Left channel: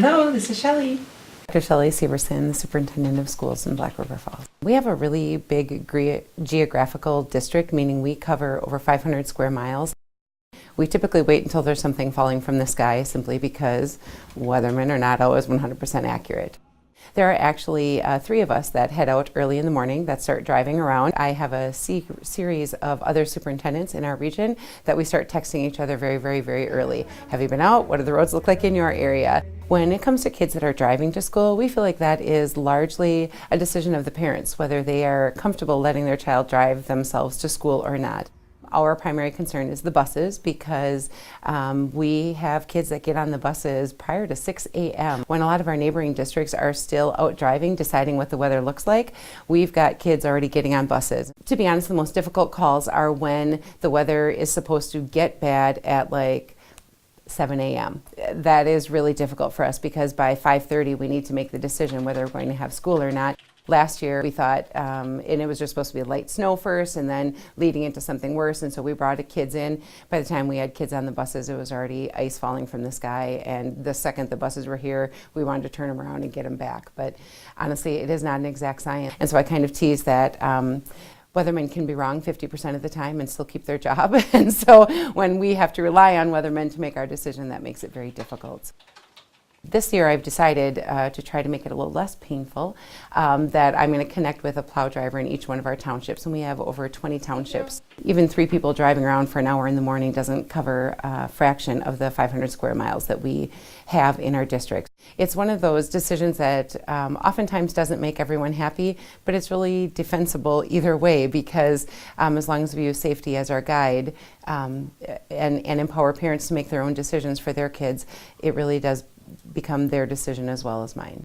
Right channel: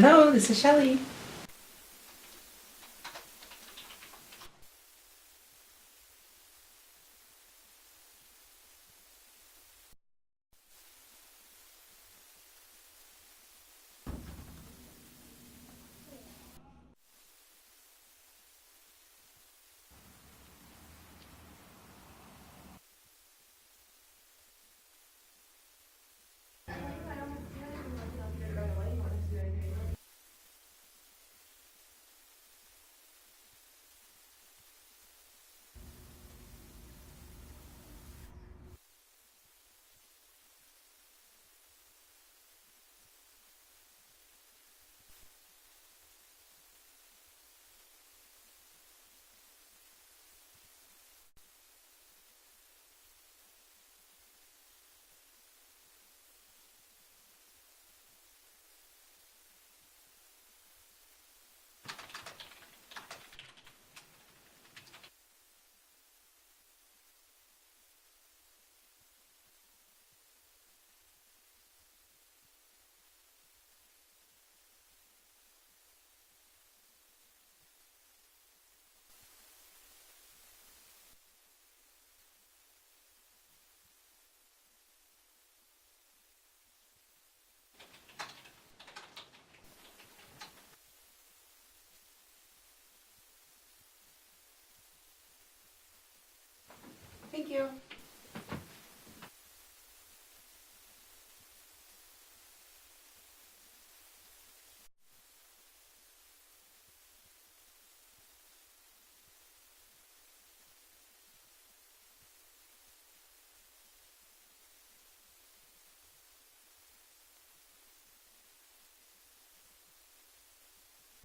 Hello, this is Shelley. Dr. Shelley Severson, the Superintendent of Schools in Black River Falls. We have a really big geographical district, meaning we cover over 500 square miles. We typically wait until there's something falling from the sky simply because weathermen are not always 100% accurate. There are actually 3 of us that head out early in the morning that start driving around. I have a series of other superintendents in our region that we start texting each other very early. Have you been out? What do the roads look like in your area? When it comes to kids that are driving to school, we feel like that is largely a decision of the parents, whether they are comfortable letting their child drive themselves to school or not. Our primary concern is the buses because we have kids that get on the buses prior to 6 a.m. When a lot of our neighboring districts are still out driving, deciding what the weather looks like, we've got kids already getting on buses. To be honest, the most difficult calls are when the weather is supposed to get bad at like 7 a.m. That is really difficult for us because by 5:30 we need to make the decision whether we're going to have school or not. Last year we thought, and it was just supposed to be light snow first and then leading into something worse, and so we brought the kids in. By the time we had kids on the buses, it was already ice falling from the sky, and the second the buses were here, we wanted to turn them around and get them back. But honestly, it is not an exact science. And so I kind of tease that weathermen can be wrong 50% of the time and still keep their job. And so when we have to rely on weathermen to make our decision, that makes it very difficult. This year I've decided to try to make it a little less painful, that I'm going to connect with a plow driver in each one of our townships, and we have over 20 townships. Even 3 people driving around for an hour in the morning doesn't cover a fraction of the 500 square miles that we have in our district. It's one of those decisions that oftentimes doesn't make everyone happy, but it's really defensible either way because as long as we use safety as our guide and empower parents to make their own decisions for their kids, it really does become their decision as well as mine.